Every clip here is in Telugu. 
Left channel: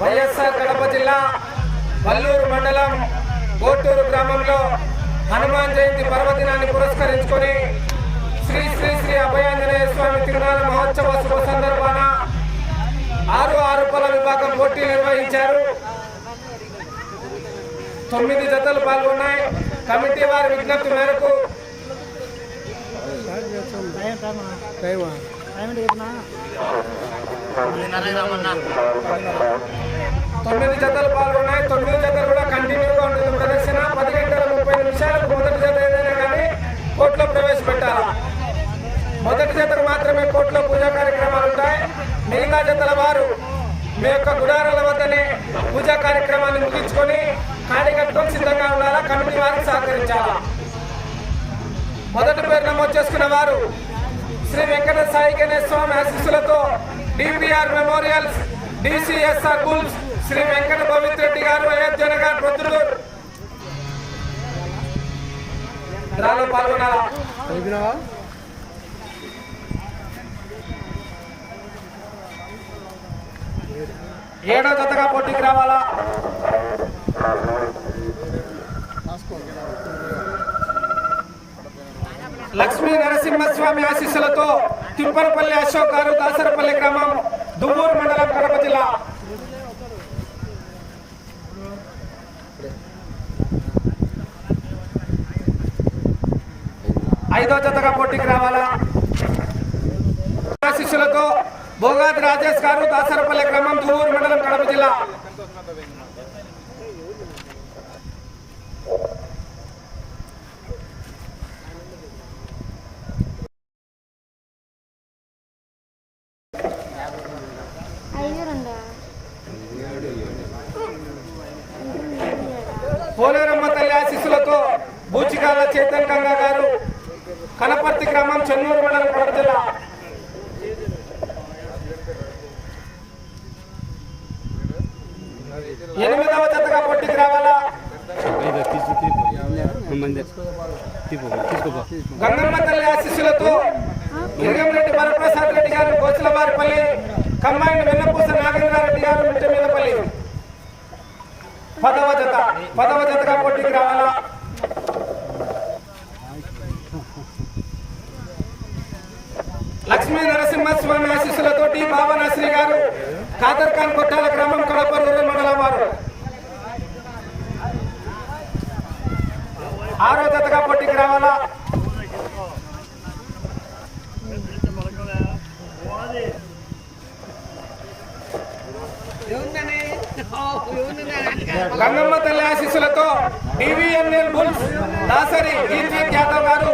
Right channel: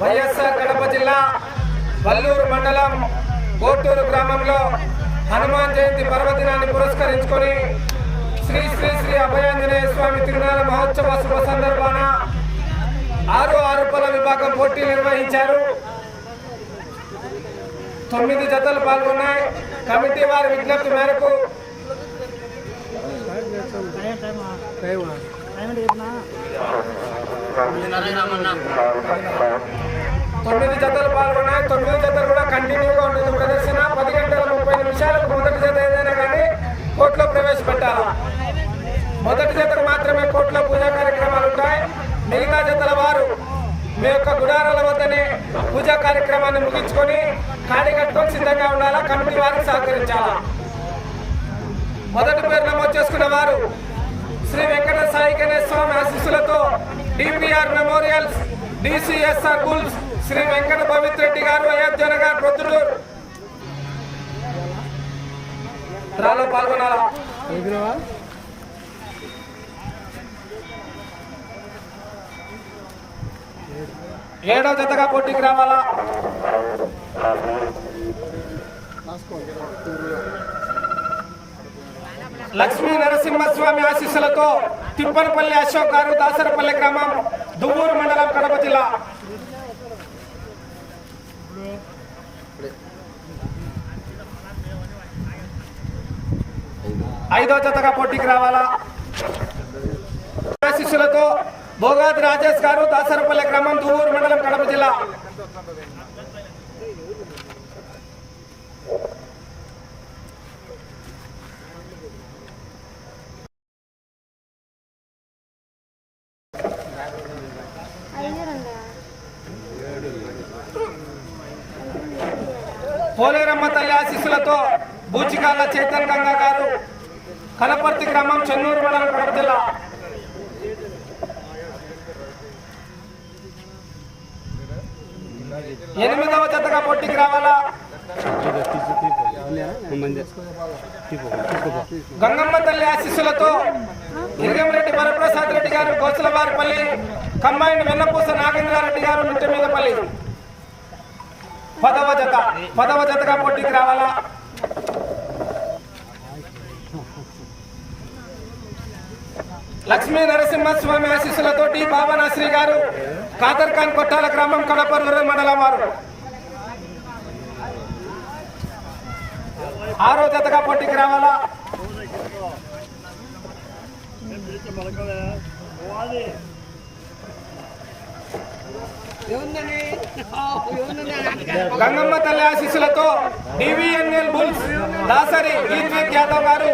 వైఎస్ఆర్ కడప జిల్లా వల్లూరు మండలం కోటూరు గ్రామంలో హనుమాన్ జయంతి పర్వదినాన్ని పురస్కరించుకొని శ్రీ శ్రీ శ్రీ అభయాంజనేయ స్వామి తిరునాల మహోత్సవ శుభ సందర్భాన ఆరు ఆరు పల విభాగం పోటీలు నిర్వహించారు. తొమ్మిది జతలు పాల్గొన్నాయి. కమిటీ వారి విజ్ఞప్తి మేరకు తొమ్మిది జతలు పాల్గొన్నాయి. తొమ్మిది జతలు కూడా కంటిన్యూగా ఉంటుంది ప్రదర్శన పది గంటల ముప్పై నిమిషాలకు మొదటి జత ఏదైనా కానీ కోర్టులో ప్రవేశపెట్టాలి? మొదటి జతకు మాత్రమే కోర్టులో పూజా కార్యక్రమాలు ఉంటాయి. మిగతా జతల వారు మీ యొక్క గుడారాల వద్దనే పూజా కార్యక్రమాన్ని ముగించుకొని కాడి కట్టుకొని సిద్ధంగా ఉండాలా? కమిటీ వారికి సహకరించాలా? మొదటి పేరు నమోదు చేసుకున్న వారు శ్రీ వెంకట సాయి గణేశ స్వామి ఆశీస్సులతో DPR memorials DCSR bulls Shri Venkata Pavithreddy గారు అయోధ్య నగర్ ప్రొద్దుటూరు. డ్రాలో పాల్గొనాలా? ఏడో జతగా పోటీకి రావాలా? లక్ష్మీ నరసింహస్వామి ఆశీస్సులతో తిప్పనపల్లి అశోక్ గారు దాసరపల్లి గ్రామం దువ్వూరు మండలం కడప జిల్లా. ఐదో జతగా పోటీకి రావాలా? శిష్యులతో భోగాది రాజేష్ గారు దాసరపల్లి గ్రామం దువ్వూరు మండలం కడప జిల్లా. పోలేరమ్మ తల్లి ఆశీస్సులతో బూచికాల చైతన్ గంగా గారు కనపర్తి గ్రామం చెన్నూరు మండలం కడప జిల్లా. ఎనిమిదవ జతగా పొట్టికి రావాలా? గంగమ్మ తల్లి ఆశీస్సులతో లింగంరెడ్డి వరప్రసాద్ రెడ్డి గారు గోసులవారిపల్లి కమ్మాయిని వెన్నపూస నాగేంద్రారెడ్డి గారు మిట్టమీదపల్లి పదవ జత పదవ జతగా పోటీకి రావాలా? లక్ష్మీ నరసింహస్వామి ఆశీస్సులతోటి భావనాశ్రీ గారు కాదర్ ఖాన్ కొట్టాల గ్రామం కడప మండలం వారు. ఆరో జతగా పోటీకి రావాలా? గంగమ్మ తల్లి ఆశీస్సులతో డివిఎన్ఎల్ బుల్స్ దాసరి ఈద్విక్ యాదవ్ గారు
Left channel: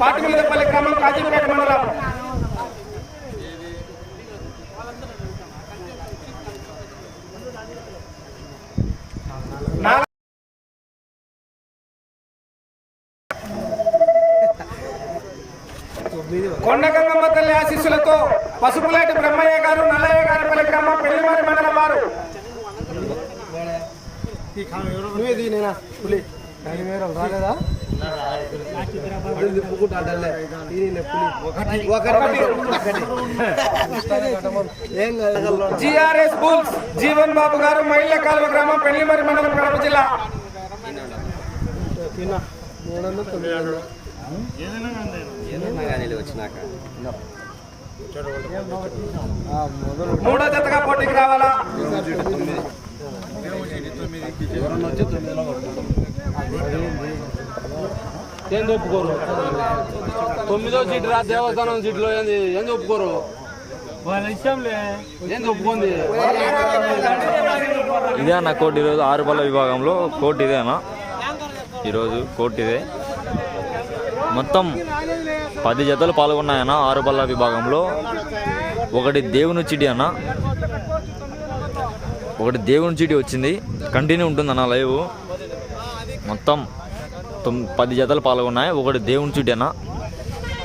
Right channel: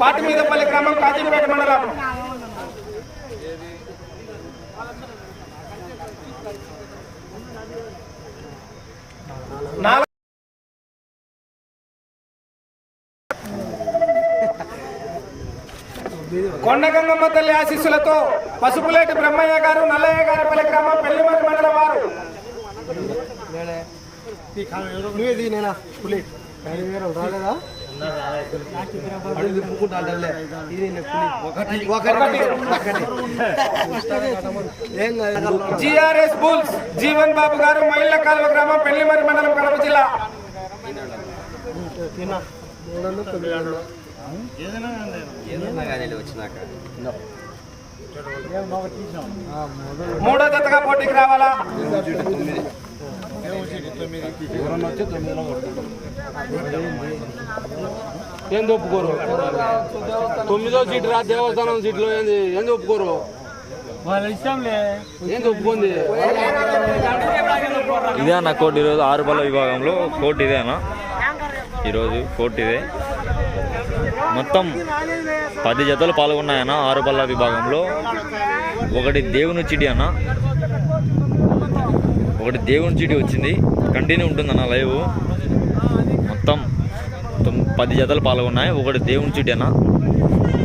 పాటిమీదపల్లి గ్రామం కాజీపేట మండలం. కొండ గంగమ్మ తల్లి ఆశీస్సులతో పసుపులేటి బ్రహ్మయ్య గారు నల్లయ్య గారి పల్లి గ్రామం పెళ్ళిమరి మండలం వారు. జిఆర్ఎస్ బుల్స్ జీవన్ బాబు గారు మైళ్ళ కాలువ గ్రామం పెళ్ళిమరి మండలం కడప జిల్లా. మూడో జతగా పోటీకి రావాలా? ఏంది ఒప్పుకోరు? తొమ్మిదో సీట్ రా దేవస్థానం సీట్లో ఏంది? ఏంది ఒప్పుకోరు? ఇదే అన్న కోర్టు ఈరోజు ఆరు బల్ల విభాగంలో కోర్టు ఇదే అన్న ఈరోజు కోర్టు ఇదే. మొత్తం పది జతలు పాల్గొన్నాయన్న ఆరు బల్ల విభాగంలో. ఒకటి దేవుని చిటి అన్న. ఒకటి దేవుని చిటి వచ్చింది. కంటిన్యూ ఉంటుందన్న లైవ్. మొత్తం తొమ్ పది జతలు పాల్గొన్నాయి. ఒకటి దేవుని చిటి అన్న.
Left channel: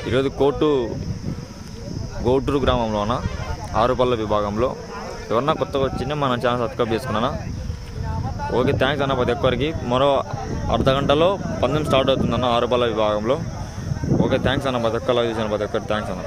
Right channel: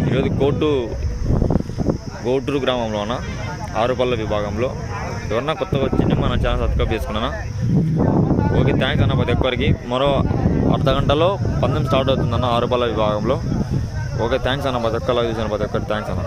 ఈరోజు కోటు గోటూరు గ్రామంలోన ఆరుపల్ల విభాగంలో. ఎవరన్నా కొత్తగా వచ్చింది మన ఛానల్ సబ్స్క్రైబ్ చేసుకున్నానా? ఓకే థ్యాంక్స్ అన్న ప్రతి ఒక్కరికి. మరో అర్ధ గంటలో పందెం స్టార్ట్ అవుతుందన్న ఆరుపల్ల విభాగంలో. ఓకే థ్యాంక్స్ అన్న ప్రతి ఒక్కరు చూసిన ప్రతి ఒక్కరికి థ్యాంక్స్ అన్న.